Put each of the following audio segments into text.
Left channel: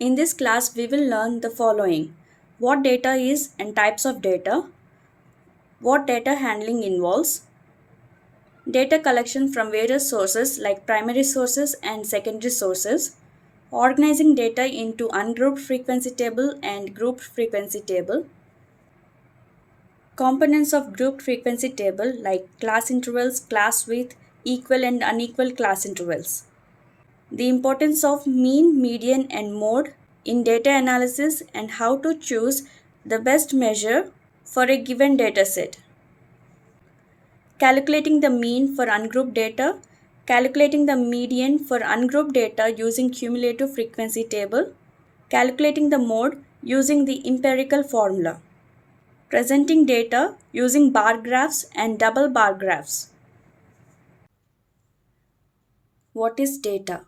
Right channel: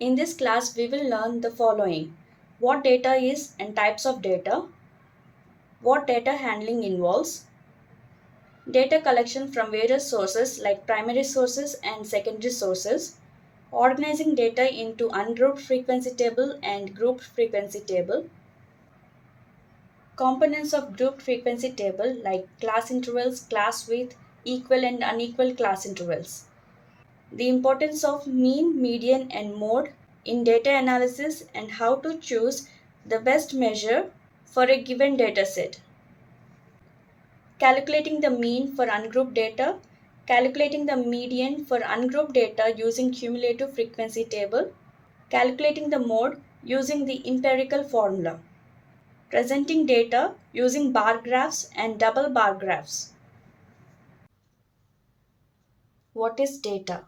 In this class, we will learn the following: what data is and types of data, what data handling involves, data collection from various sources like primary sources and secondary sources, organizing data into ungrouped frequency table and grouped frequency table, components of grouped frequency table like class intervals, class width, equal and unequal class intervals. The importance of mean, median, and mode in data analysis and how to choose the best measure for a given dataset. Calculating the mean for ungrouped data, calculating the median for ungrouped data using cumulative frequency table, calculating the mode using the empirical formula, presenting data using bar graphs and double bar graphs. What is data?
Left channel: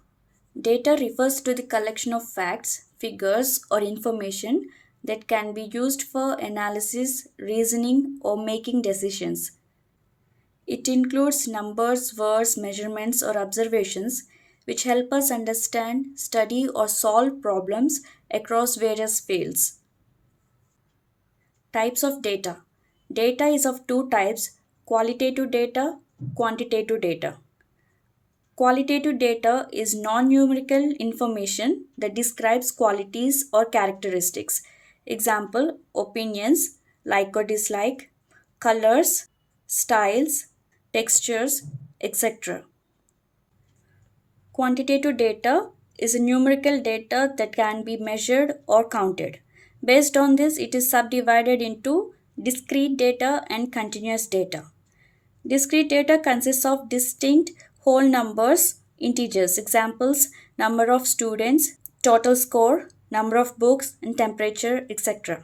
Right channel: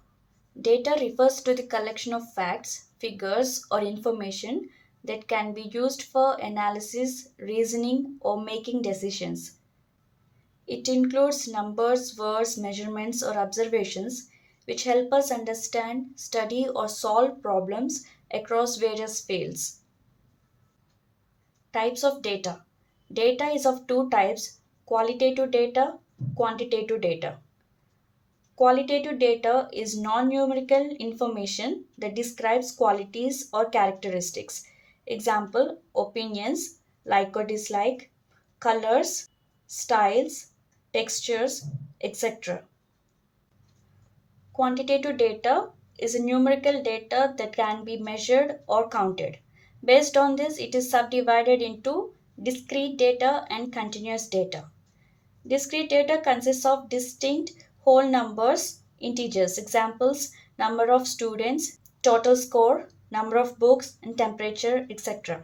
Data refers to the collection of facts, figures, or information that can be used for analysis, reasoning, or making decisions. It includes numbers, words, measurements, or observations which help us understand, study, or solve problems across various fields. Types of data. Data is of two types: qualitative data, quantitative data. Qualitative data is non numerical information that describes qualities or characteristics. Example: opinions, like or dislike, colors, styles, textures, etc. Quantitative data is a numerical data that can be measured or counted. Based on this, it is subdivided into discrete data and continuous data. Discrete data consists of distinct whole numbers, integers. Examples: number of students, total score, number of books, and temperature, etc.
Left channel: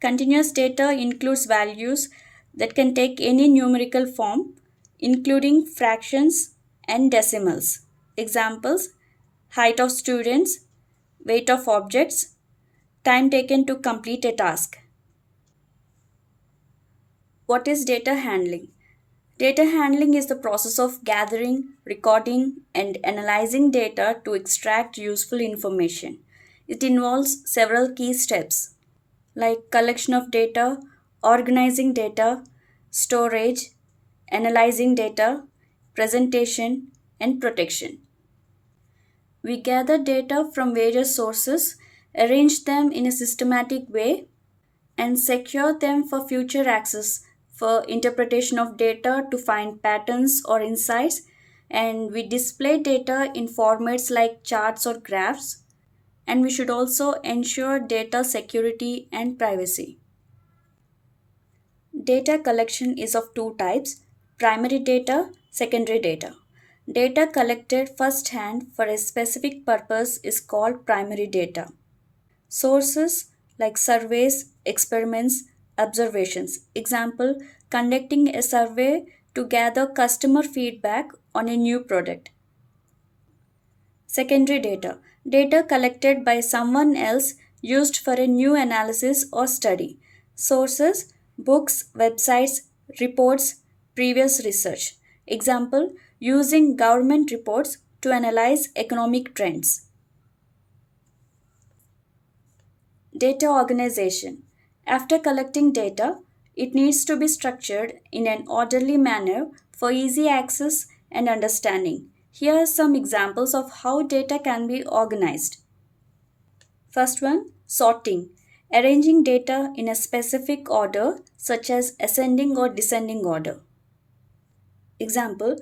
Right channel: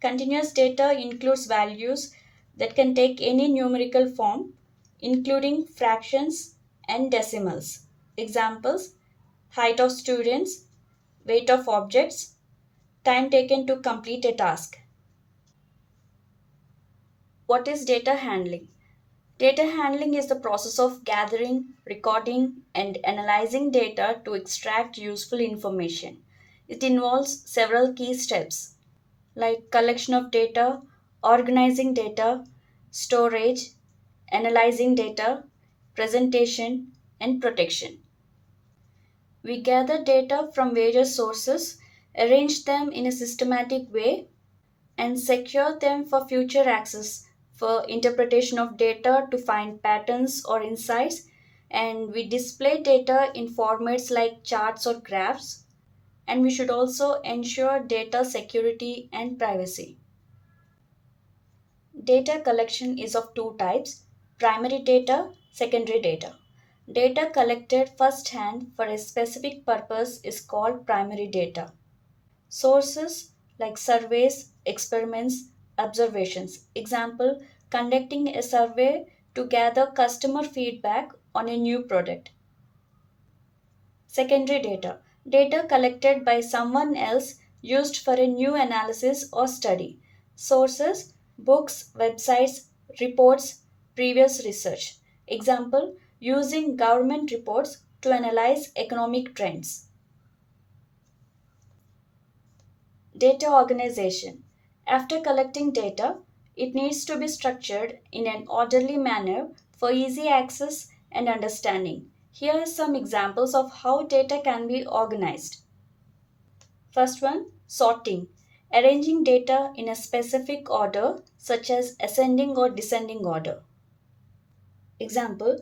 Continuous data includes values that can take any numerical form, including fractions and decimals. Examples: height of students, weight of objects, time taken to complete a task. What is data handling? Data handling is the process of gathering, recording, and analyzing data to extract useful information. It involves several key steps like collection of data, organizing data, storage, analyzing data, presentation, and protection. We gather data from various sources, arrange them in a systematic way, and secure them for future access for interpretation of data to find patterns or insights. And we display data in formats like charts or graphs, and we should also ensure data security and privacy. Data collection is of two types: primary data, secondary data. Data collected first hand for a specific purpose is called primary data. Sources like surveys, experiments, observations. Example: conducting a survey to gather customer feedback on a new product. Secondary data. Data collected by someone else used for a new analysis or study. Sources: books, websites, reports, previous research. Example: using government reports to analyze economic trends. Data organization. After collecting data, it needs to be structured in an orderly manner for easy access and understanding. Here are some examples of how data can be organized. First one, sorting. Arranging data in a specific order, such as ascending or descending order. Example:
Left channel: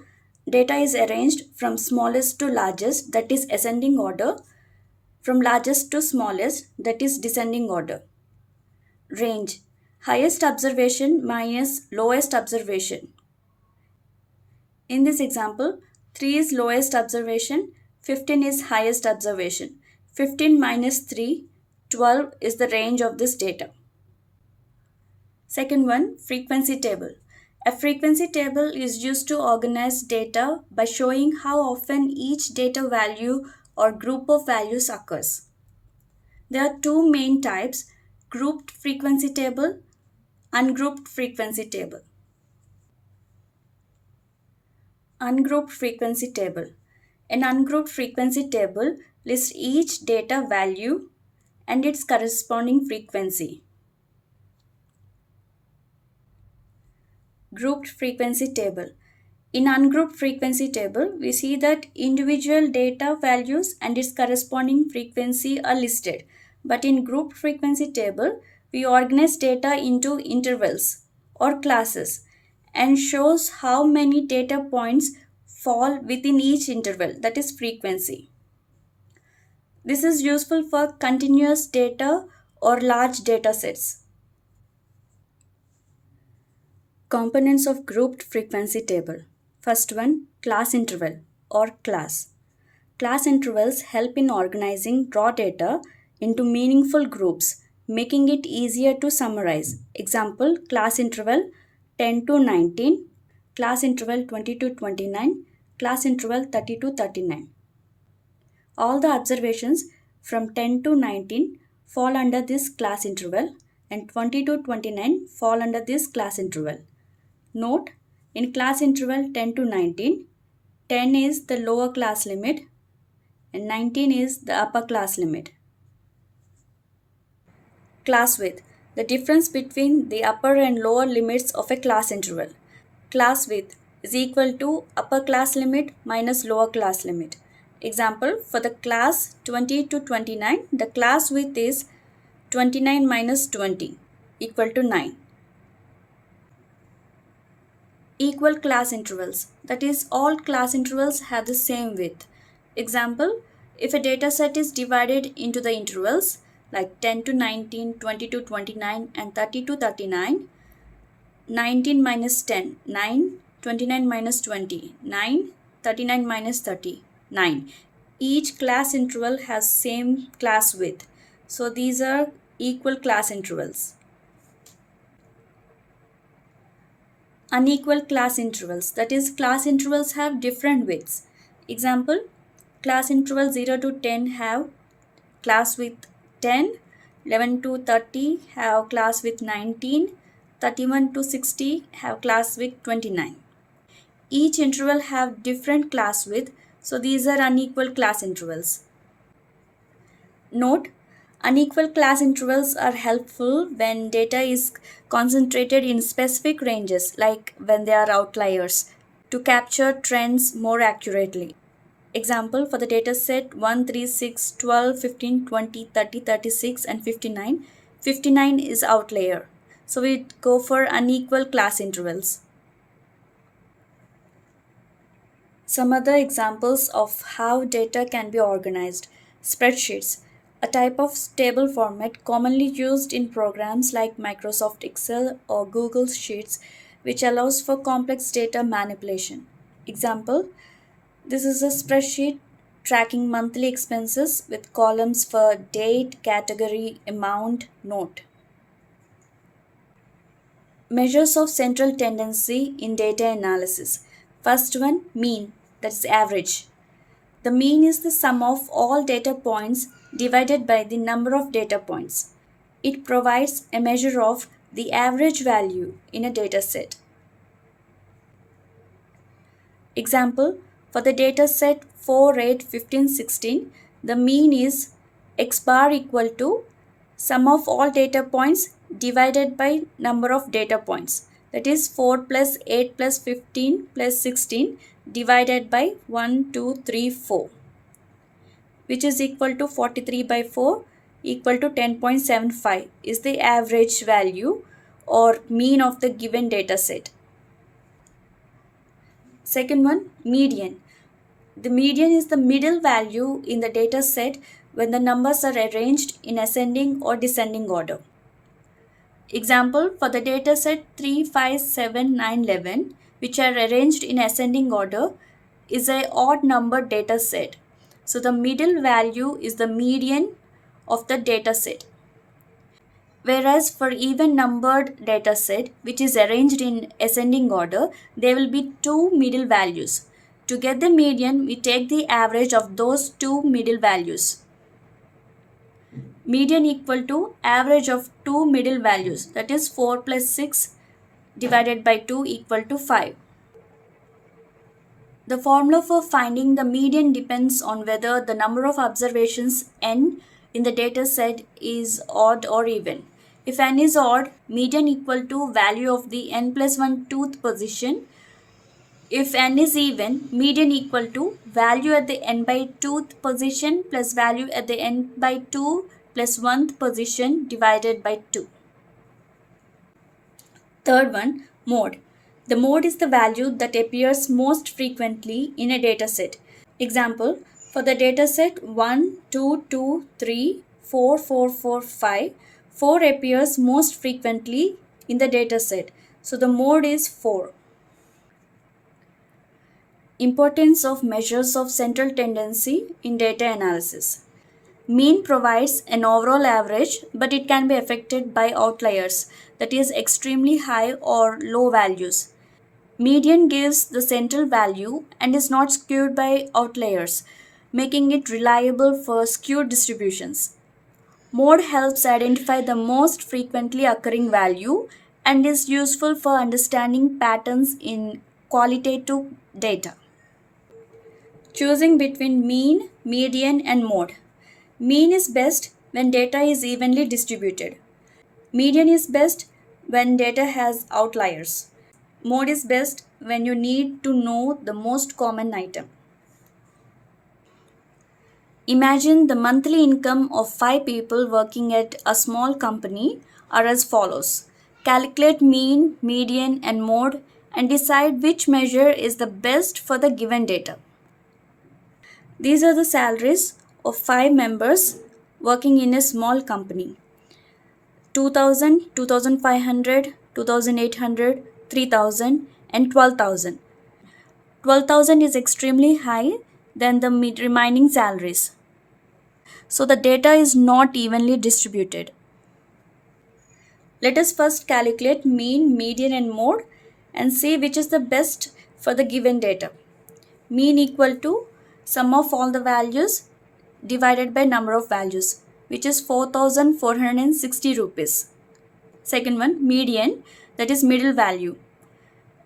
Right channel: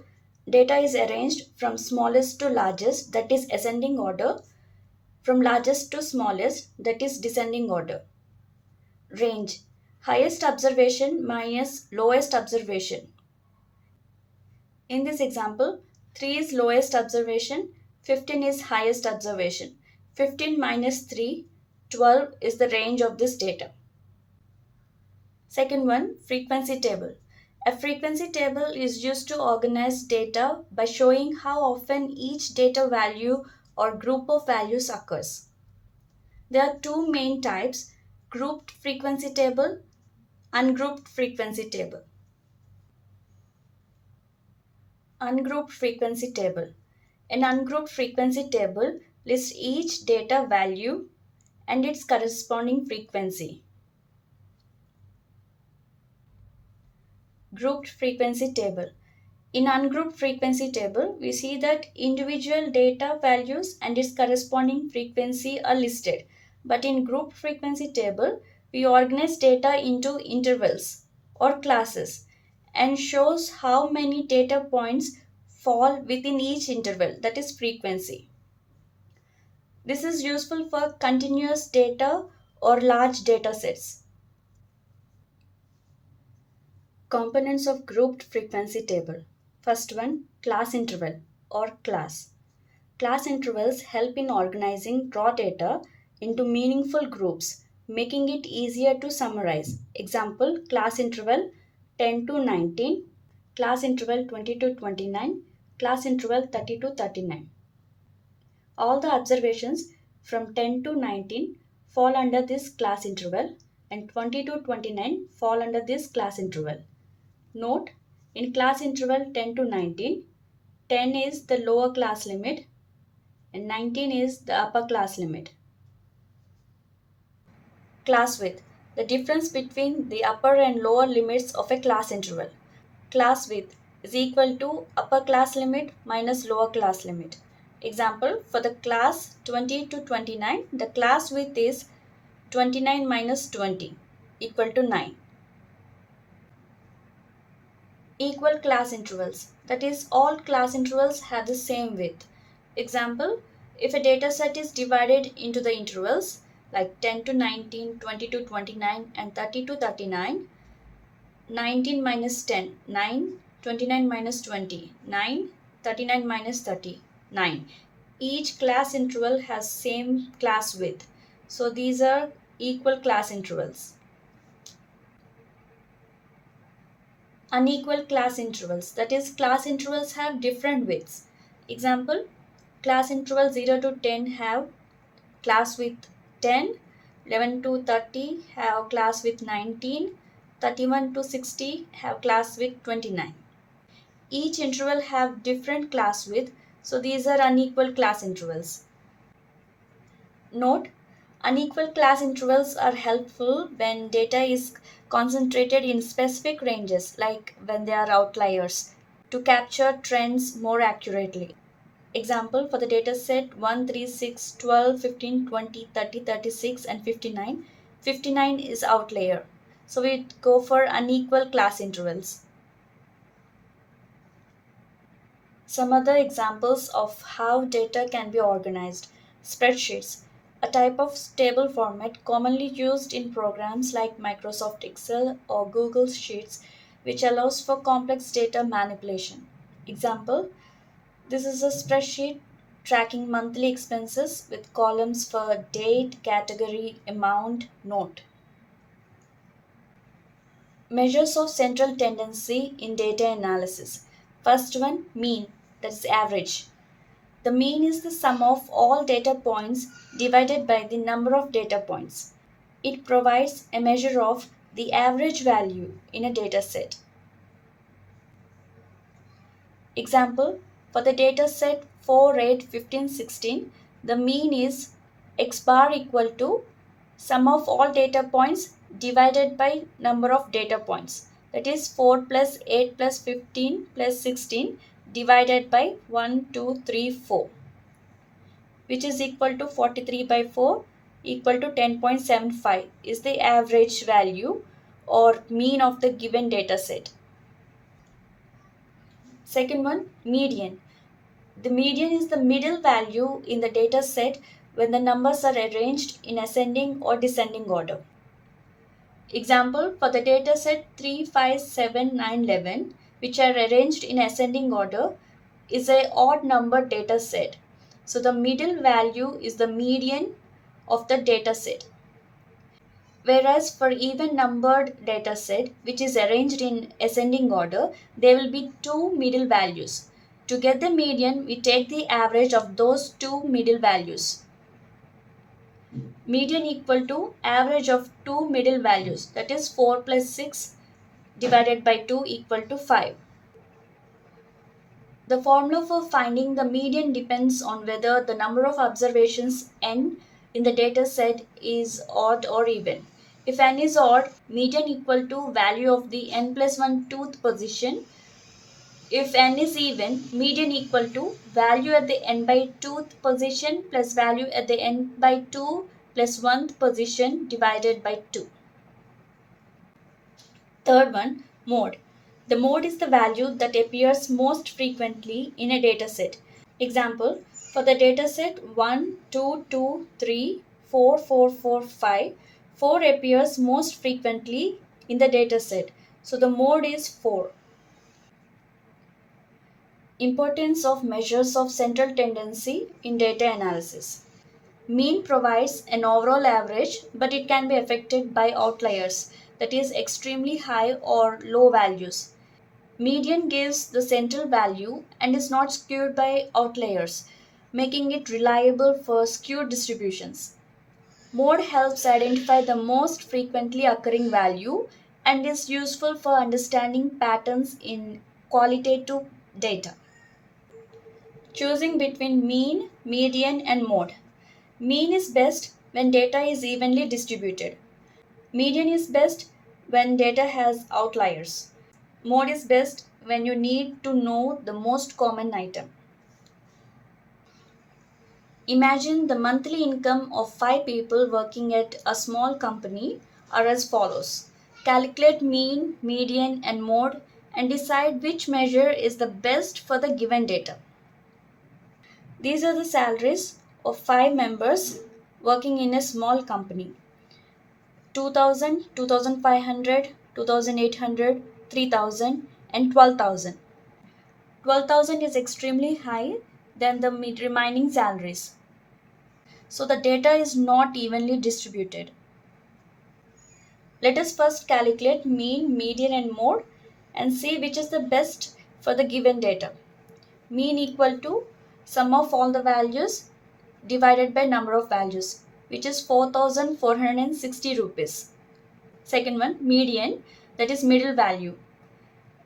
data is arranged from smallest to largest, that is ascending order, from largest to smallest, that is descending order. Range: highest observation minus lowest observation. In this example, 3 is lowest observation, 15 is highest observation. 15 minus 3, 12 is the range of this data. Second one, frequency table. A frequency table is used to organize data by showing how often each data value or group of values occurs. There are two main types: grouped frequency table, ungrouped frequency table. Ungrouped frequency table. An ungrouped frequency table List each data value and its corresponding frequency. Grouped frequency table. In ungrouped frequency table, we see that individual data values and its corresponding frequency are listed. But in grouped frequency table, we organize data into intervals or classes and shows how many data points fall within each interval, that is frequency. This is useful for continuous data or large data sets. Components of grouped frequency table. First one, class interval or class. Class intervals help in organizing raw data into meaningful groups, making it easier to summarize. Example, class interval 10 to 19, class interval 20 to 29, class interval 30 to 39. All the observations from 10 to 19 fall under this class interval and 20 to 29 fall under this class interval. Note, in class interval 10 to 19, 10 is the lower class limit and 19 is the upper class limit. Class width, the difference between the upper and lower limits of a class interval. Class width is equal to upper class limit minus lower class limit. Example, for the class 20 to 29, the class width is 29 minus 20 equal to 9. Equal class intervals, that is, all class intervals have the same width. Example, if a data set is divided into the intervals like 10 to 19, 20 to 29 and 30 to 39, 19 minus 10, 9, 29 minus 20, 9, 39 minus 30, 9. Each class interval has same class width. So these are equal class intervals. Unequal class intervals, that is, class intervals have different widths. Example, class interval 0 to 10 have class width 10, 11 to 30 have class width 19, 31 to 60 have class width 29. Each interval have different class width, so these are unequal class intervals. Note, unequal class intervals are helpful when data is concentrated in specific ranges, like when they are outliers, to capture trends more accurately. Example, for the data set 1, 3, 6, 12, 15, 20, 30, 36 and 59, 59 is outlier. So we go for unequal class intervals. Some other examples of how data can be organized. Spreadsheets, a type of table format commonly used in programs like Microsoft Excel or Google Sheets, which allows for complex data manipulation. Example, this is a spreadsheet tracking monthly expenses with columns for date, category, amount, note. Measures of central tendency in data analysis. First one, mean, that's average. The mean is the sum of all data points divided by the number of data points. It provides a measure of the average value in a data set. Example, for the data set 4, 8, 15, 16, the mean is x bar equal to sum of all data points divided by number of data points. That is 4 plus 8 plus 15 plus 16 divided by 1, 2, 3, 4, which is equal to 43 by 4 equal to 10.75 is the average value or mean of the given data set. Second one, median. The median is the middle value in the data set when the numbers are arranged in ascending or descending order. Example, for the data set 3, 5, 7, 9, 11, which are arranged in ascending order, is a odd number data set. So the middle value is the median of the data set. Whereas for even numbered data set, which is arranged in ascending order, there will be two middle values. To get the median, we take the average of those two middle values. Median equal to average of two middle values, that is 4 plus 6 divided by 2 equal to 5. The formula for finding the median depends on whether the number of observations n in the data set is odd or even. If n is odd, median equal to value of the n plus 1 tooth position. If n is even, median equal to value at the n by 2th position plus value at the n by 2 plus 1th position divided by 2. Third one, mode. The mode is the value that appears most frequently in a dataset. Example, for the dataset 1, 2, 2, 3, 4, 4, 4, 5, 4 appears most frequently in the dataset. So the mode is 4. Importance of measures of central tendency in data analysis. Mean provides an overall average, but it can be affected by outliers, that is, extremely high or low values. Median gives the central value and is not skewed by outliers, making it reliable for skewed distributions. Mode helps identify the most frequently occurring value and is useful for understanding patterns in qualitative data. Choosing between mean, median, and mode. Mean is best when data is evenly distributed. Median is best when data has outliers. Mode is best when you need to know the most common item. Imagine the monthly income of 5 people working at a small company are as follows. Calculate mean, median, and mode and decide which measure is the best for the given data. These are the salaries of 5 members working in a small company. 2000, 2500, 2800, 3000, and 12,000. 12,000 is extremely high than the remaining salaries. So the data is not evenly distributed. Let us first calculate mean, median, and mode and see which is the best for the given data. Mean equal to sum of all the values divided by number of values, which is 4,460 rupees. Second one, median, that is middle value.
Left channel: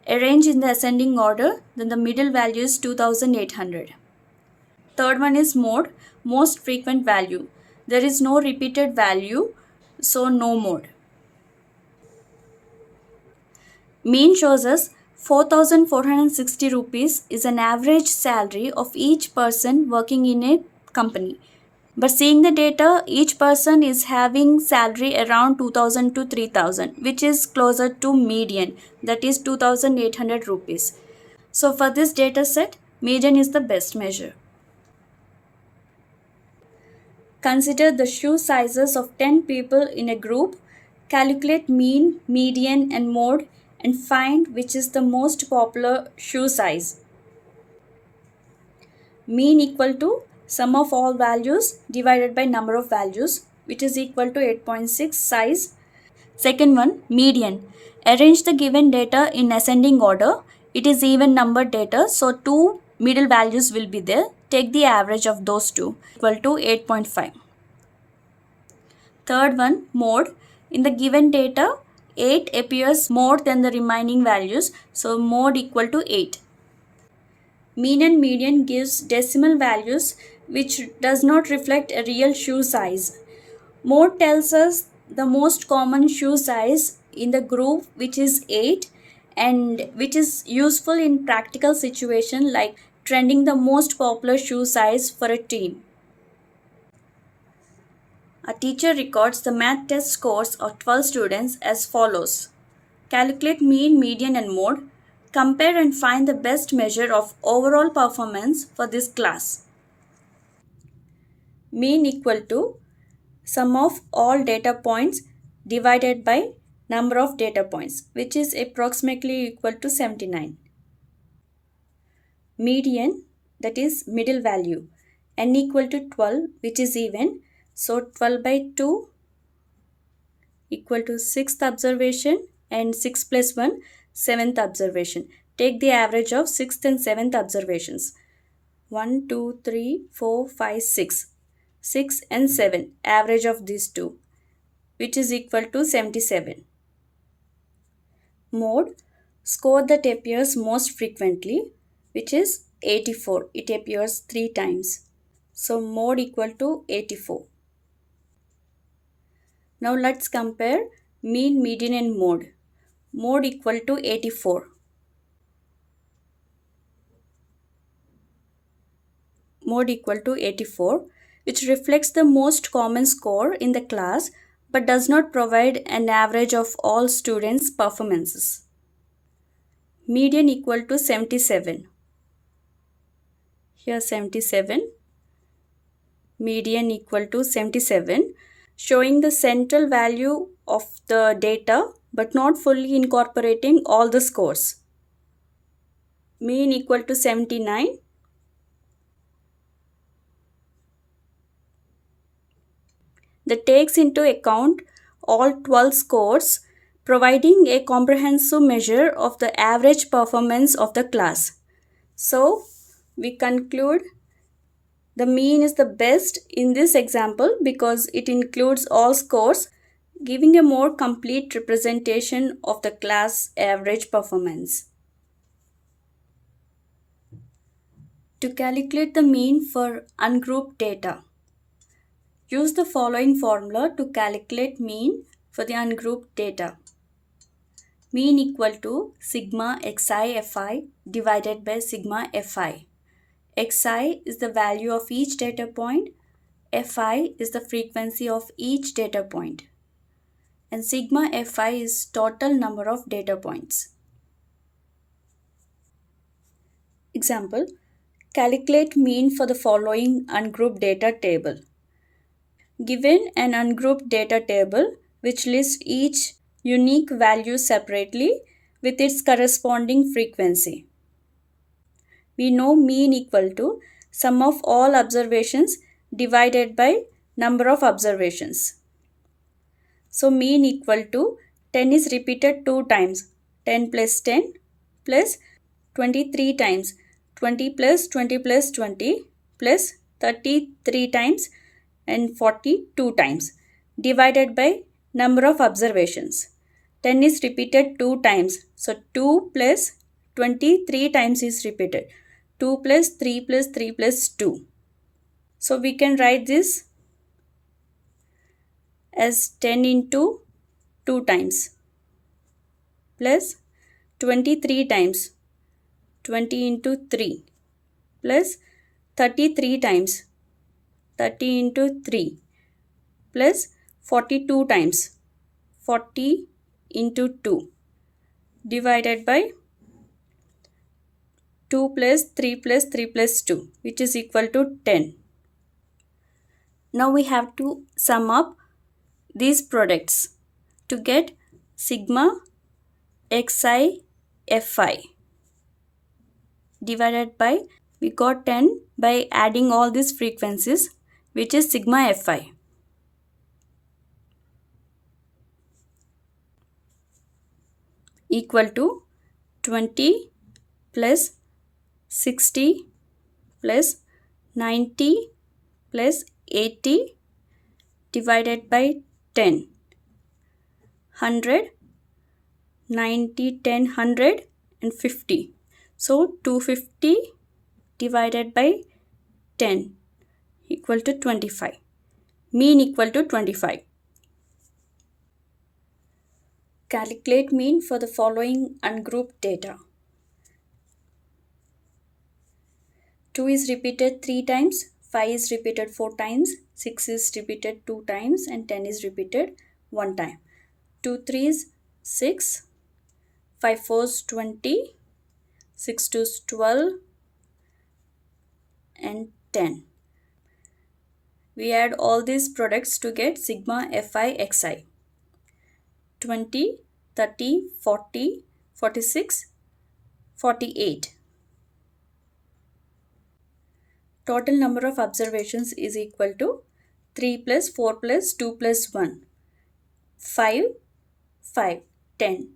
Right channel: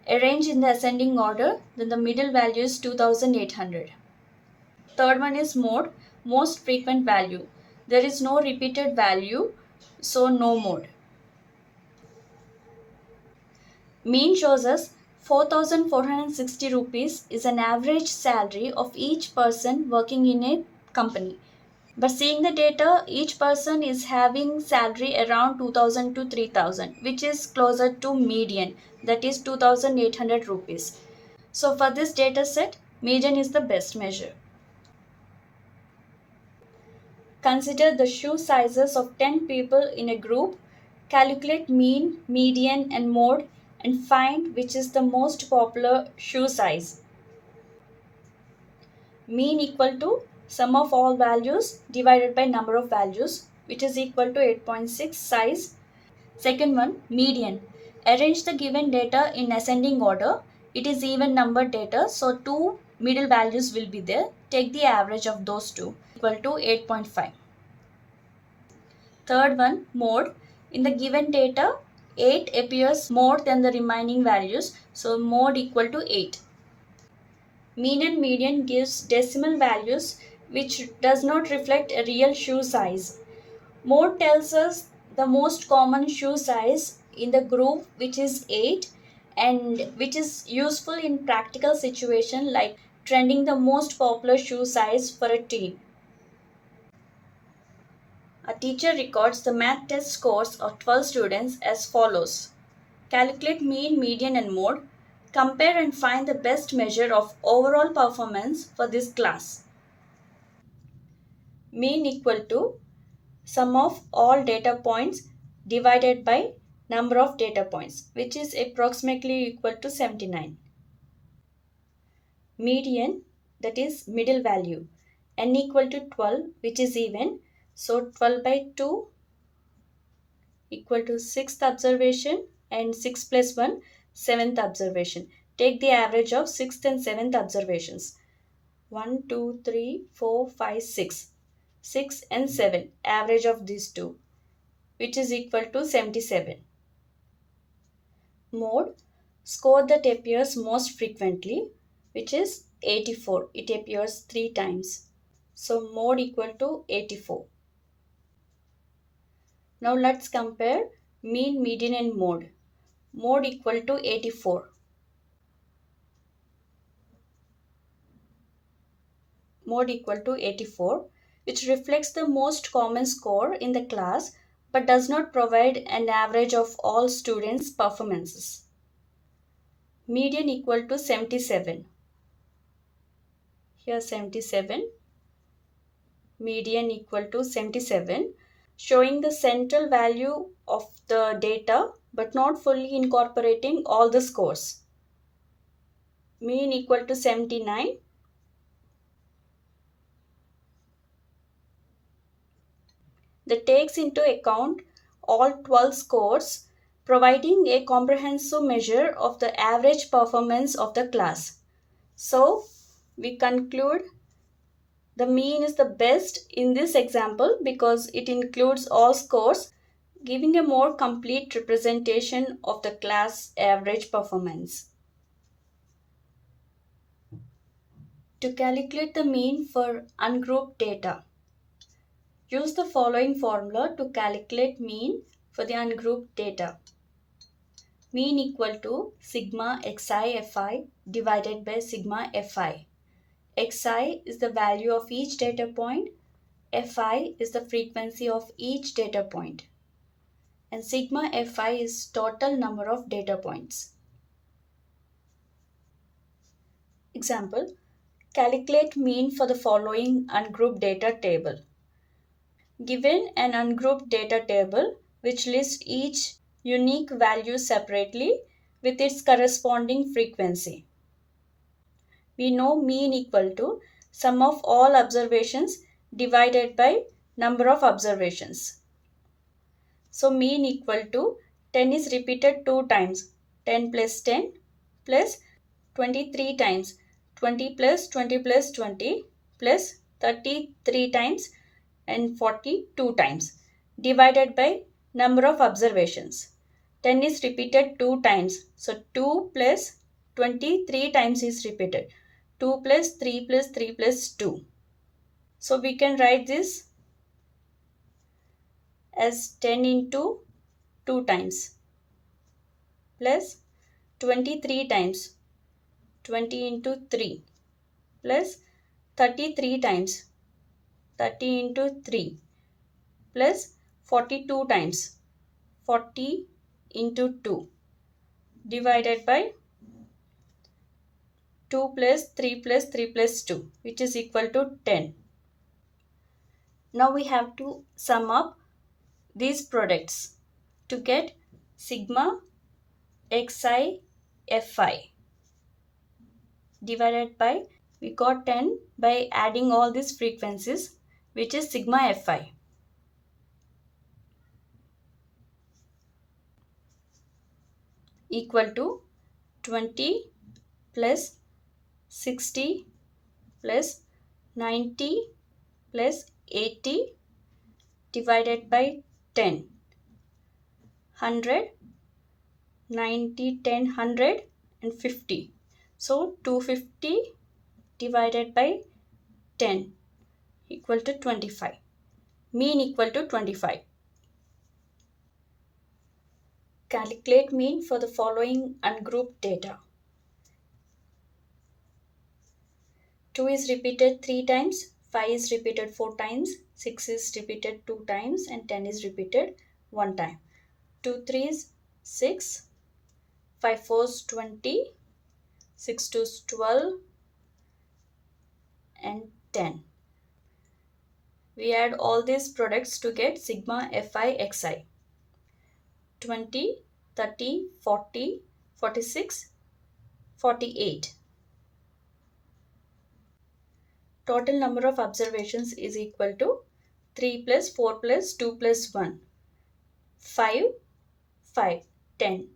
Arrange in the ascending order, then the middle value is 2,800. Third one is mode, most frequent value. There is no repeated value, so no mode. Mean shows us 4,460 rupees is an average salary of each person working in a company. But seeing the data, each person is having salary around 2,000 to 3,000, which is closer to median, that is 2,800 rupees. So for this data set, median is the best measure. Consider the shoe sizes of 10 people in a group, calculate mean, median, and mode, and find which is the most popular shoe size. Mean equal to sum of all values divided by number of values, which is equal to 8.6 size. Second one, median. Arrange the given data in ascending order. It is even numbered data, so two middle values will be there. Take the average of those two, equal to 8.5. Third one, mode. In the given data, 8 appears more than the remaining values, so mode equal to 8. Mean and median gives decimal values which does not reflect a real shoe size. Mode tells us the most common shoe size in the group, which is 8, and which is useful in practical situation like trending the most popular shoe size for a team. A teacher records the math test scores of 12 students as follows. Calculate mean, median, and mode. Compare and find the best measure of overall performance for this class. Mean equal to sum of all data points divided by number of data points, which is approximately equal to 79. Median, that is middle value, n equal to 12, which is even, so 12 by 2 equal to 6th observation, and 6 plus 1 7th observation. Take the average of 6th and 7th observations. 1, 2, 3, 4, 5, 6. 6 and 7, average of these two, which is equal to 77. Mode, score that appears most frequently, which is 84. It appears 3 times. So mode equal to 84. Now let's compare mean, median and mode. Mode equal to 84. Mode equal to 84, which reflects the most common score in the class but does not provide an average of all students' performances. Median equal to 77. Here 77. Median equal to 77, showing the central value of the data but not fully incorporating all the scores. Mean equal to 79. That takes into account all 12 scores, providing a comprehensive measure of the average performance of the class. So, we conclude the mean is the best in this example because it includes all scores, giving a more complete representation of the class average performance. To calculate the mean for ungrouped data, use the following formula to calculate mean for the ungrouped data. Mean equal to sigma xi fi divided by sigma fi. Xi is the value of each data point, fi is the frequency of each data point, and sigma fi is total number of data points. Example, calculate mean for the following ungrouped data table. Given an ungrouped data table which lists each unique value separately with its corresponding frequency. We know mean equal to sum of all observations divided by number of observations. So mean equal to 10 is repeated 2 times, 10 plus 10 plus 23 times, 20 plus 20 plus 20 plus 33 times and 42 times divided by number of observations. 10 is repeated 2 times, so 2 plus 23 times is repeated. 2 plus 3 plus 3 plus 2. So we can write this as 10 into 2 times plus 23 times 20 into 3 plus 33 times 30 into 3 plus 42 times 40 into 2 divided by 2 plus 3 plus 3 plus 2, which is equal to 10. Now we have to sum up these products to get sigma xi fi divided by, we got 10 by adding all these frequencies, which is sigma fi. Equal to 20 plus 60 plus 90 plus 80 divided by 10. 100, 90, 10, 100 and 50. So 250 divided by 10 equal to 25. Mean equal to 25. Calculate mean for the following ungrouped data. 2 is repeated 3 times, 5 is repeated 4 times, 6 is repeated 2 times and 10 is repeated 1 time. 2 3s 6, 5 4s 20, 6 2s 12 and 10. We add all these products to get sigma fi xi. 20, 30, 40, 46, 48. Total number of observations is equal to 3 plus 4 plus 2 plus 1. 5, 5, 10.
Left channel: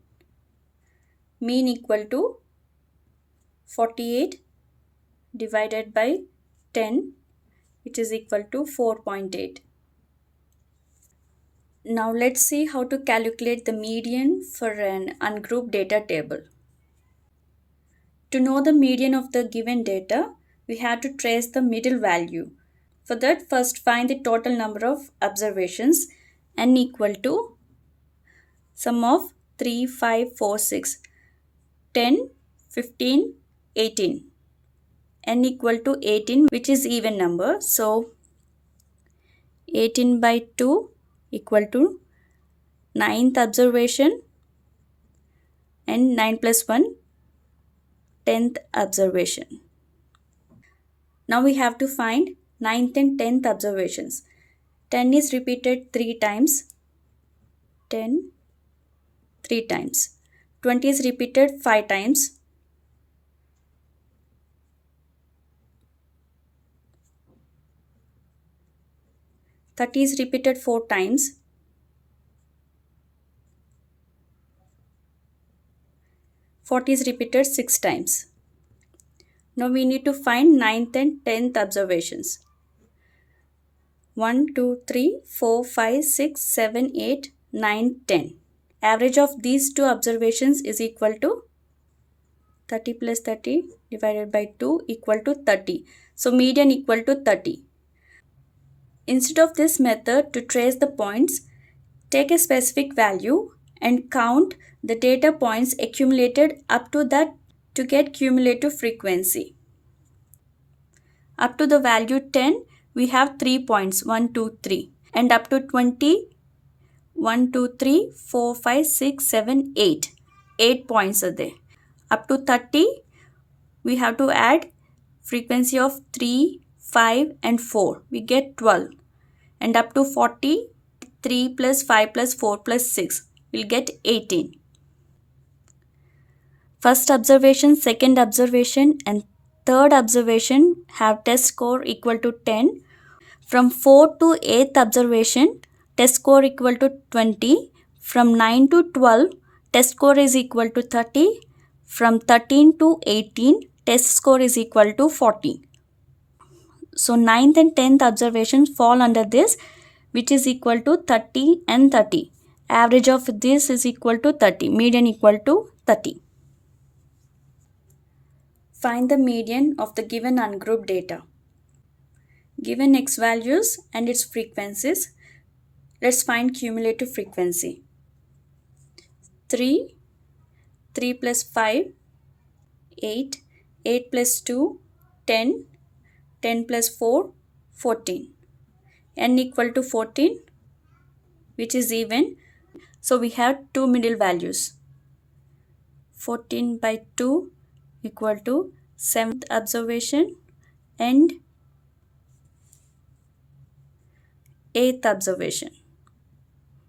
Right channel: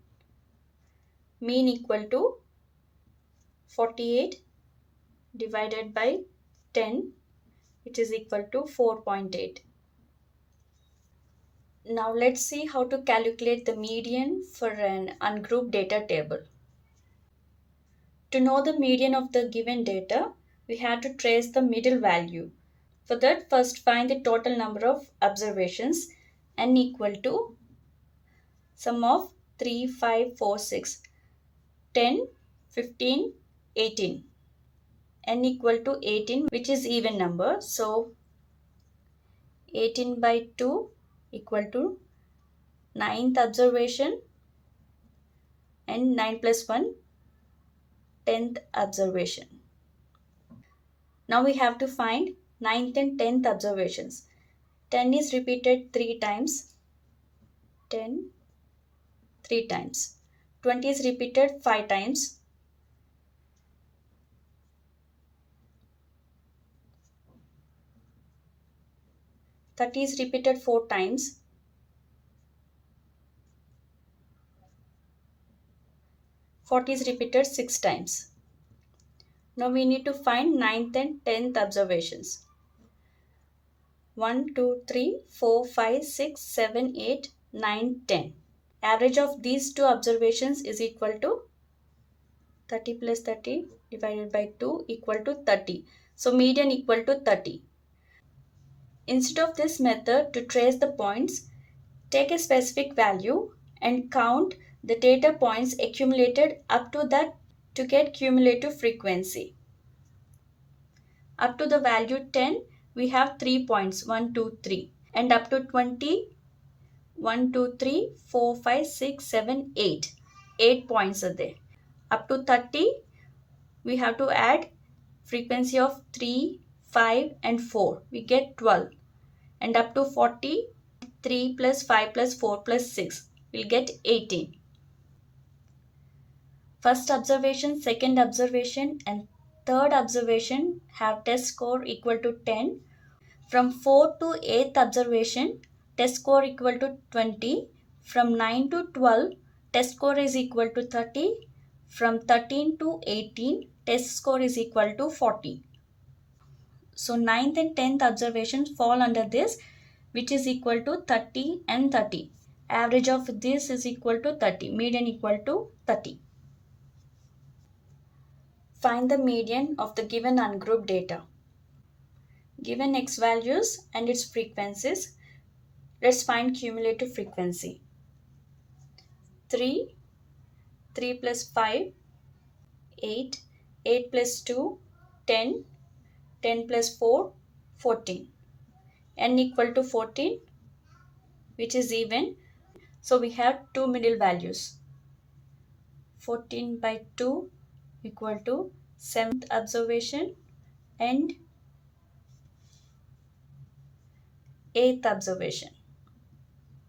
Mean equal to 48 divided by 10, which is equal to 4.8. Now let's see how to calculate the median for an ungrouped data table. To know the median of the given data, we have to trace the middle value. For that, first find the total number of observations, n equal to sum of 3, 5, 4, 6, 10, 15, 18. N equal to 18, which is even number. So 18 by 2 equal to 9th observation, and 9 plus 1, 10th observation. Now we have to find 9th and 10th observations. 10 is repeated 3 times. 10, 3 times. 20 is repeated 5 times. 30 is repeated 4 times. 40 is repeated 6 times. Now we need to find 9th and 10th observations. 1, 2, 3, 4, 5, 6, 7, 8, 9, 10. Average of these two observations is equal to 30 plus 30 divided by 2 equal to 30. So median equal to 30. Instead of this method to trace the points, take a specific value and count the data points accumulated up to that to get cumulative frequency. Up to the value 10, we have 3 points, 1, 2, 3. And up to 20, 1, 2, 3, 4, 5, 6, 7, 8. 8 points are there. Up to 30, we have to add frequency of 3, 5 and 4. We get 12. And up to 40, 3 plus 5 plus 4 plus 6. We'll get 18. First observation, second observation and third observation have test score equal to 10. From 4 to 8th observation, test score equal to 20. From 9 to 12, test score is equal to 30. From 13 to 18, test score is equal to 40. So 9th and 10th observations fall under this, which is equal to 30 and 30. Average of this is equal to 30. Median equal to 30. Find the median of the given ungrouped data. Given x values and its frequencies, let's find cumulative frequency. 3, 3 plus 5, 8, 8 plus 2, 10, 10 plus 4, 14. N equal to 14, which is even. So we have two middle values. 14 by 2 equal to 7th observation and 8th observation.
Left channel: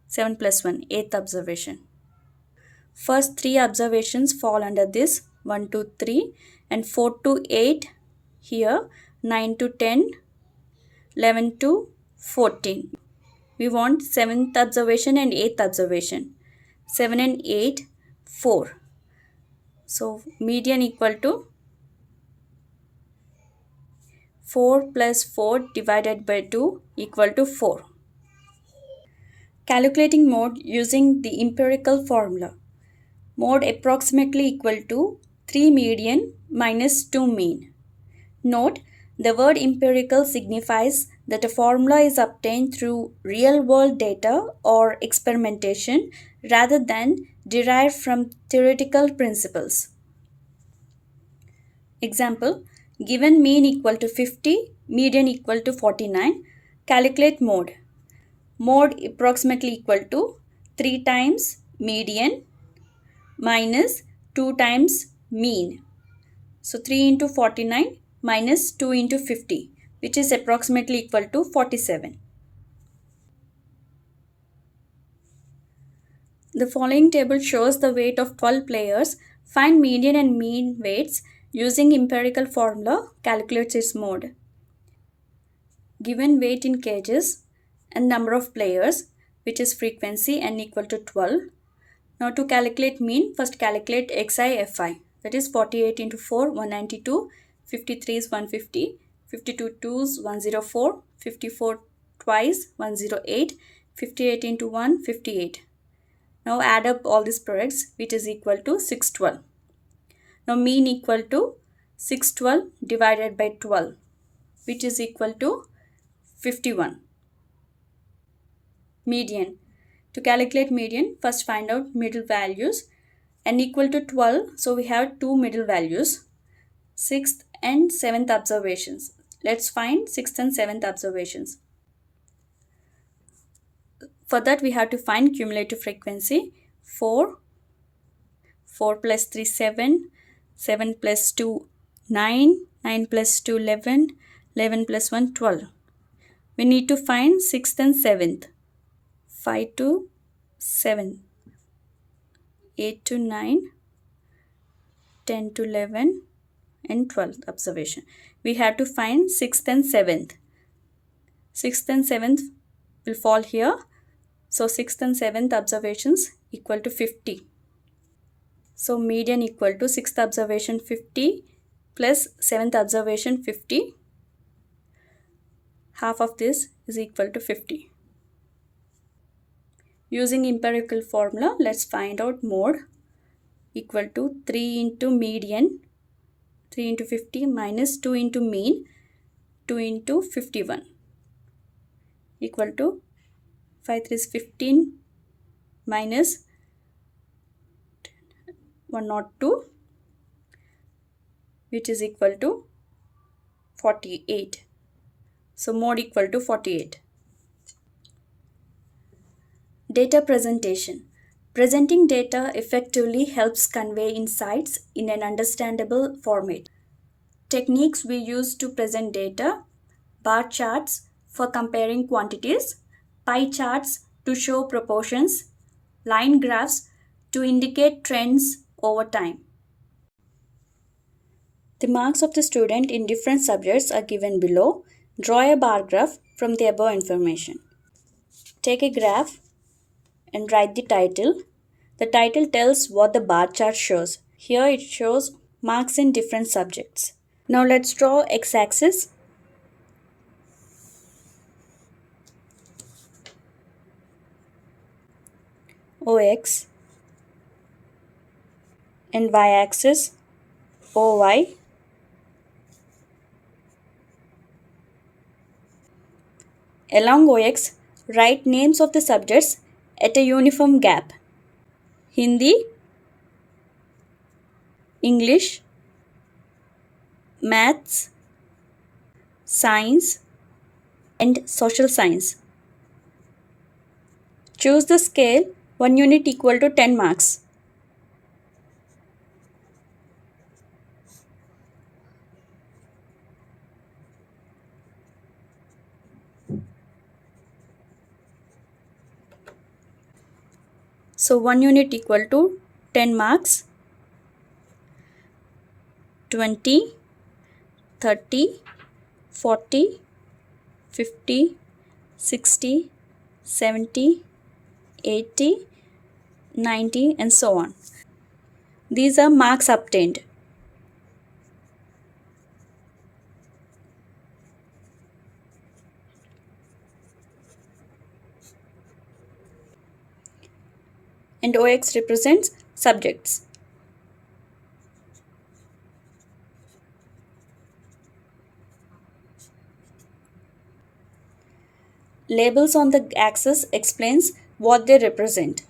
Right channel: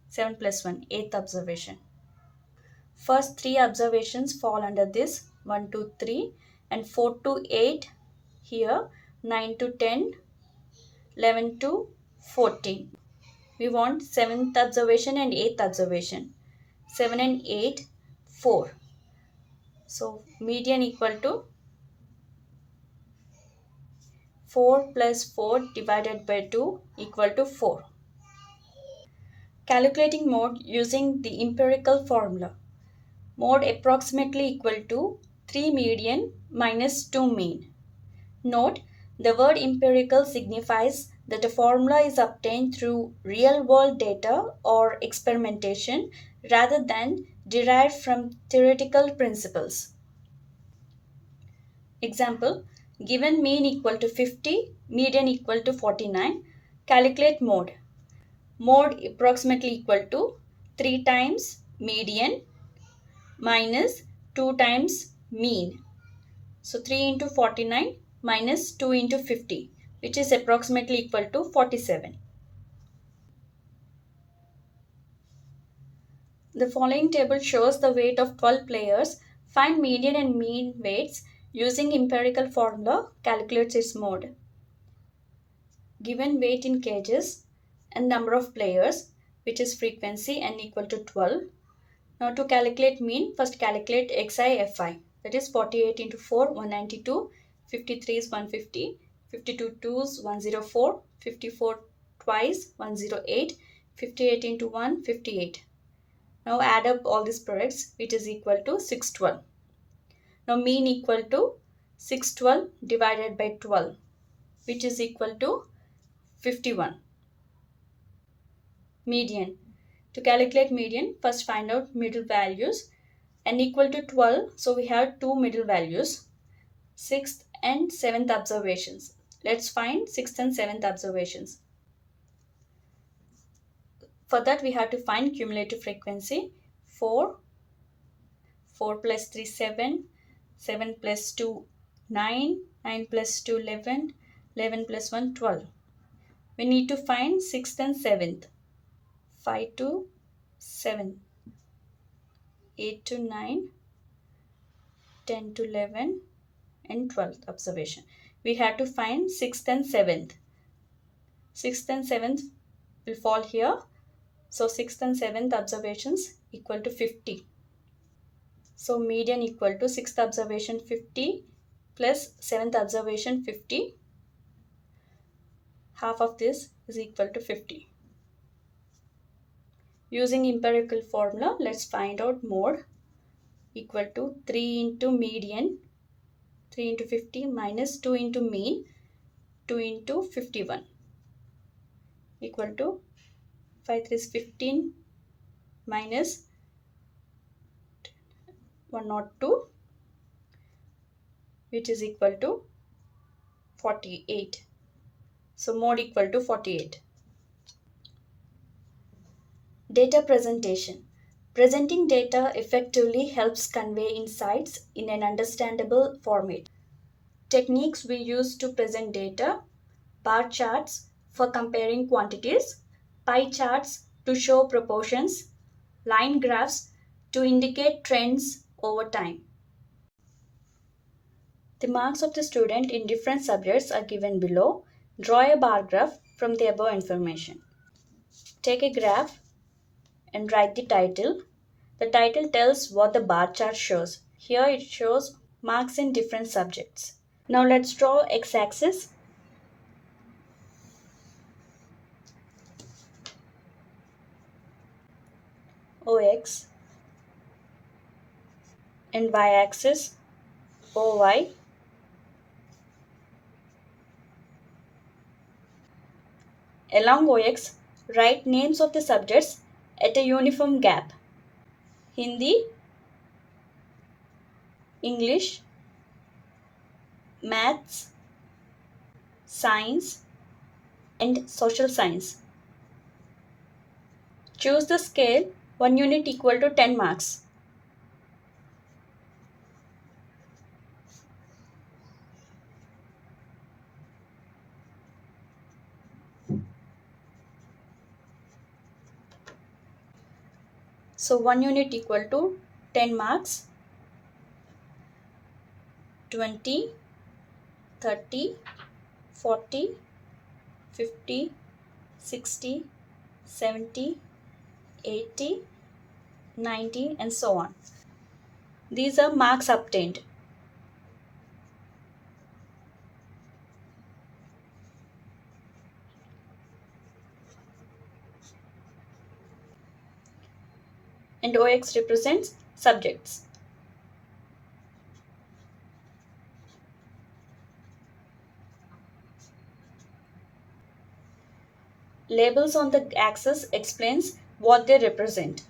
7 plus 1, 8th observation. First 3 observations fall under this, 1 to 3 and 4 to 8 here, 9 to 10, 11 to 14. We want 7th observation and 8th observation. 7 and 8, 4. So median equal to 4 plus 4 divided by 2 equal to 4. Calculating mode using the empirical formula. Mode approximately equal to 3 median minus 2 mean. Note, the word empirical signifies that a formula is obtained through real-world data or experimentation rather than derived from theoretical principles. Example, given mean equal to 50, median equal to 49, calculate mode. Mode approximately equal to 3 times median minus 2 times mean. So 3 into 49 minus 2 into 50, which is approximately equal to 47. The following table shows the weight of 12 players. Find median and mean weights using empirical formula, calculates its mode. Given weight in kgs and number of players, which is frequency n equal to 12. Now to calculate mean, first calculate xi fi. That is 48 into 4, 192, 53 is 150, 52 twos, 104, 54 twice, 108, 58 into 1, 58. Now add up all these products, which is equal to 612. Now mean equal to 612 divided by 12, which is equal to 51. Median. To calculate median, first find out middle values. N equal to 12, so we have two middle values, 6th and 7th observations. Let's find 6th and 7th observations. For that, we have to find cumulative frequency. 4, 4 plus 3, 7, 7 plus 2, 9, 9 plus 2, 11, 11 plus 1, 12. We need to find 6th and 7th. 5 to 7, 8 to 9, 10 to 11, and 12th observation. We have to find 6th and 7th. 6th and 7th will fall here. So 6th and 7th observations equal to 50. So median equal to 6th observation 50 plus 7th observation 50. Half of this is equal to 50. Using empirical formula, let's find out mode. Equal to 3 into median, 3 into 50 minus 2 into mean, 2 into 51. Equal to 5 3 is 15 minus 102, which is equal to 48. So mode equal to 48. Data presentation. Presenting data effectively helps convey insights in an understandable format. Techniques we use to present data: bar charts for comparing quantities, pie charts to show proportions, line graphs to indicate trends over time. The marks of the student in different subjects are given below. Draw a bar graph from the above information. Take a graph and write the title. The title tells what the bar chart shows. Here it shows marks in different subjects. Now let's draw x-axis. OX and y-axis OY. Along OX, write names of the subjects at a uniform gap. Hindi, English, Maths, Science, and Social Science. Choose the scale 1 unit equal to 10 marks. So 1 unit equal to 10 marks, 20, 30, 40, 50, 60, 70, 80, 90, and so on. These are marks obtained. And OX represents subjects. Labels on the axis explains what they represent.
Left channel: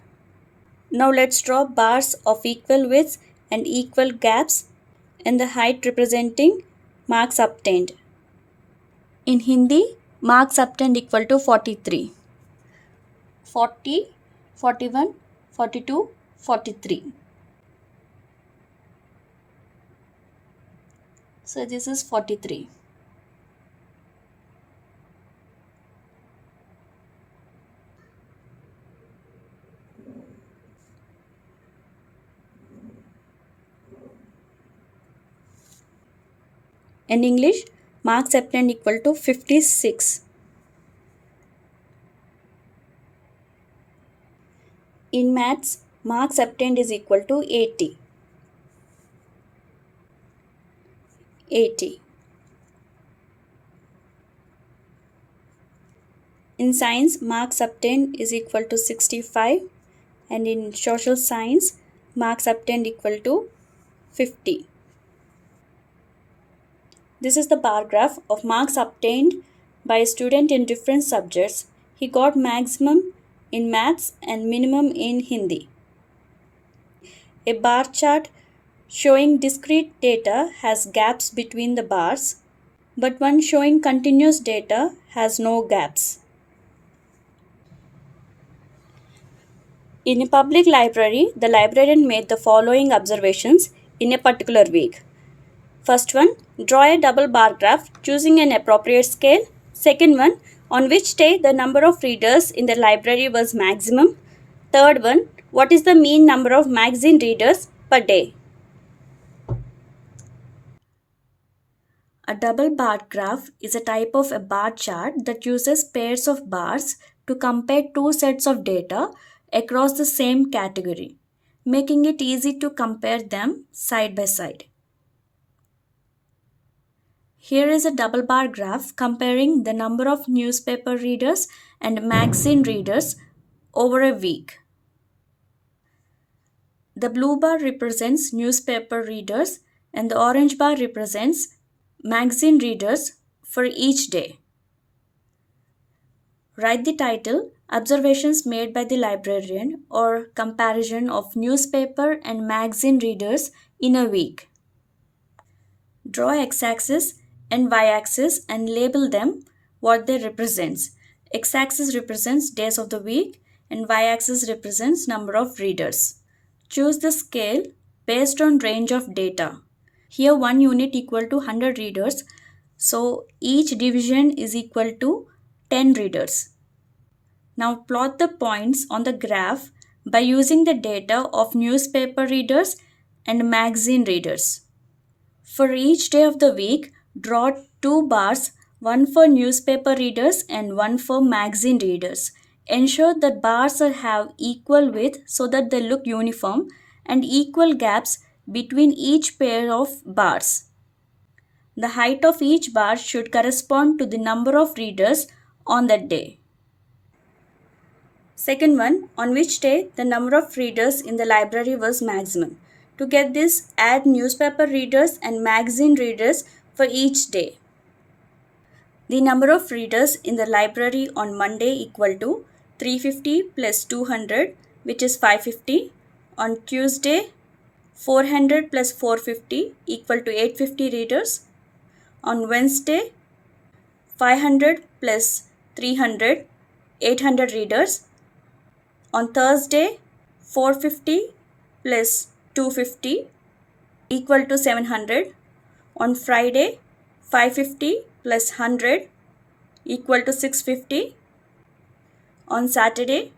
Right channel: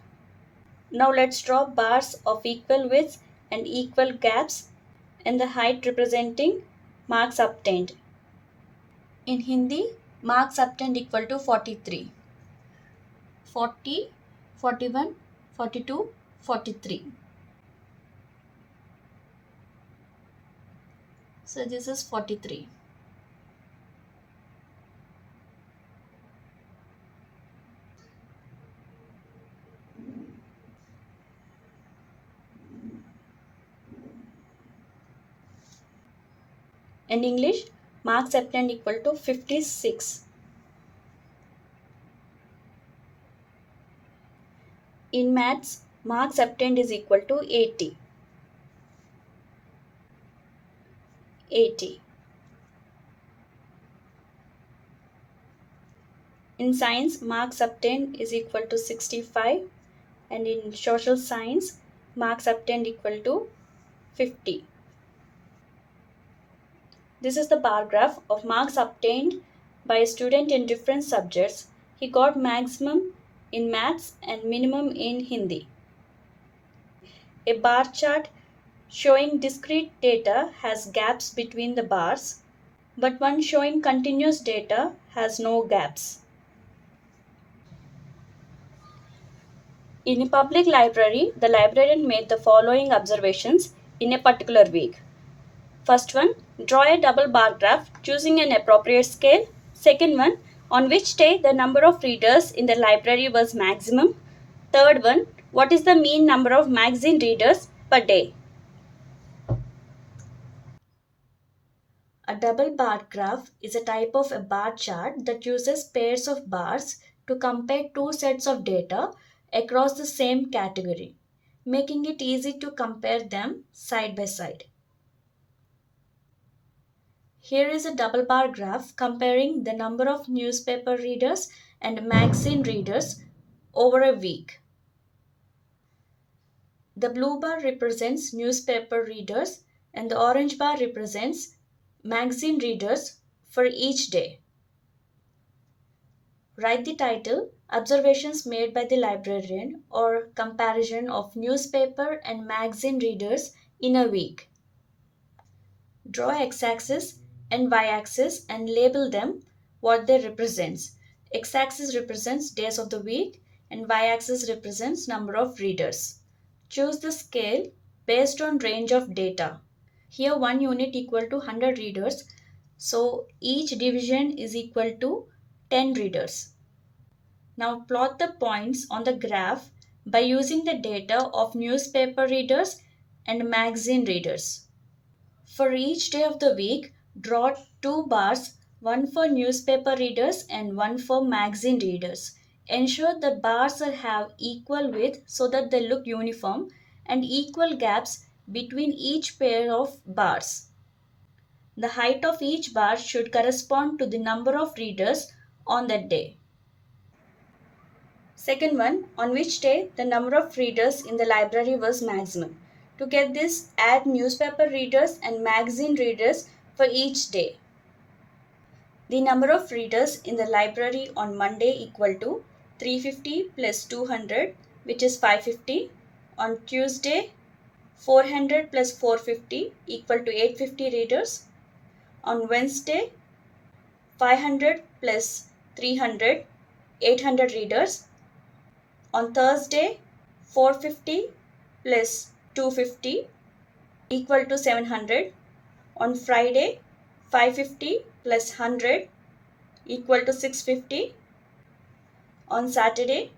Now let's draw bars of equal width and equal gaps and the height representing marks obtained. In Hindi, marks obtained equal to 43. 40, 41, 42, 43. So this is 43. In English, marks obtained equal to 56. In Maths, marks obtained is equal to 80. 80. In Science, marks obtained is equal to 65, and in Social Science, marks obtained equal to 50. This is the bar graph of marks obtained by a student in different subjects. He got maximum in maths and minimum in Hindi. A bar chart showing discrete data has gaps between the bars, but one showing continuous data has no gaps. In a public library, the librarian made the following observations in a particular week. First one, draw a double bar graph choosing an appropriate scale. Second one, on which day the number of readers in the library was maximum. Third one, what is the mean number of magazine readers per day? A double bar graph is a type of a bar chart that uses pairs of bars to compare two sets of data across the same category, making it easy to compare them side by side. Here is a double bar graph comparing the number of newspaper readers and magazine readers over a week. The blue bar represents newspaper readers and the orange bar represents magazine readers for each day. Write the title, Observations made by the librarian, or comparison of newspaper and magazine readers in a week. Draw x-axis and y-axis and label them what they represents. X-axis represents days of the week and y-axis represents number of readers. Choose the scale based on range of data. Here 1 unit equal to 100 readers, so each division is equal to 10 readers. Now plot the points on the graph by using the data of newspaper readers and magazine readers. For each day of the week, draw 2 bars, one for newspaper readers and one for magazine readers. Ensure that bars have equal width so that they look uniform and equal gaps between each pair of bars. The height of each bar should correspond to the number of readers on that day. Second one, on which day the number of readers in the library was maximum. To get this, add newspaper readers and magazine readers for each day. The number of readers in the library on Monday equal to 350 plus 200, which is 550. On Tuesday, 400 plus 450 equal to 850 readers. On Wednesday, 500 plus 300, 800 readers. On Thursday, 450 plus 250 equal to 700. On Friday, 550 plus 100 equal to 650. On Saturday,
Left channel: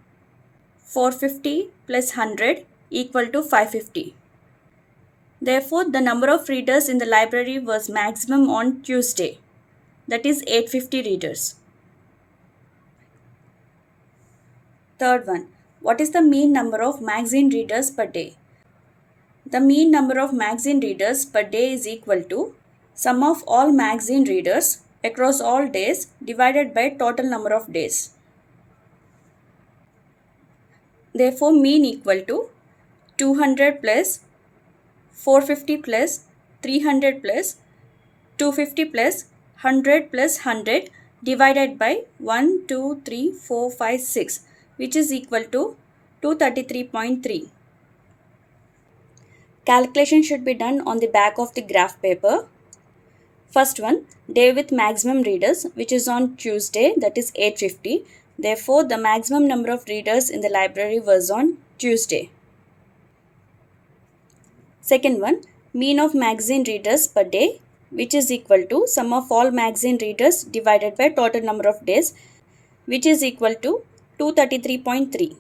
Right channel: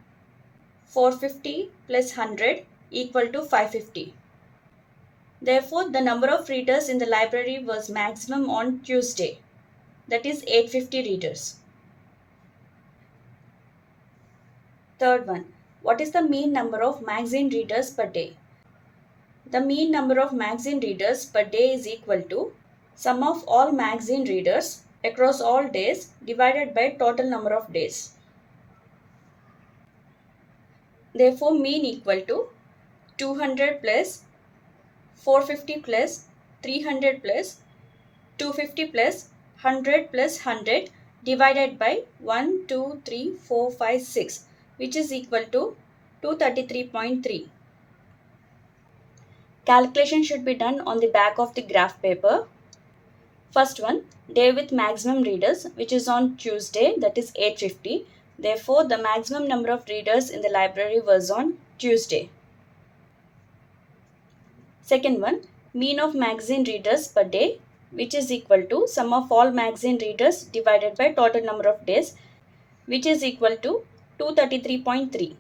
450 plus 100 equal to 550. Therefore, the number of readers in the library was maximum on Tuesday, that is 850 readers. Third one, what is the mean number of magazine readers per day? The mean number of magazine readers per day is equal to sum of all magazine readers across all days divided by total number of days. Therefore, mean equal to 200 plus 450 plus 300 plus 250 plus 100 plus 100 divided by 1, 2, 3, 4, 5, 6, which is equal to 233.3. Calculation should be done on the back of the graph paper. First one, day with maximum readers, which is on Tuesday, that is 850. Therefore, the maximum number of readers in the library was on Tuesday. Second one, mean of magazine readers per day, which is equal to sum of all magazine readers divided by total number of days, which is equal to 233.3.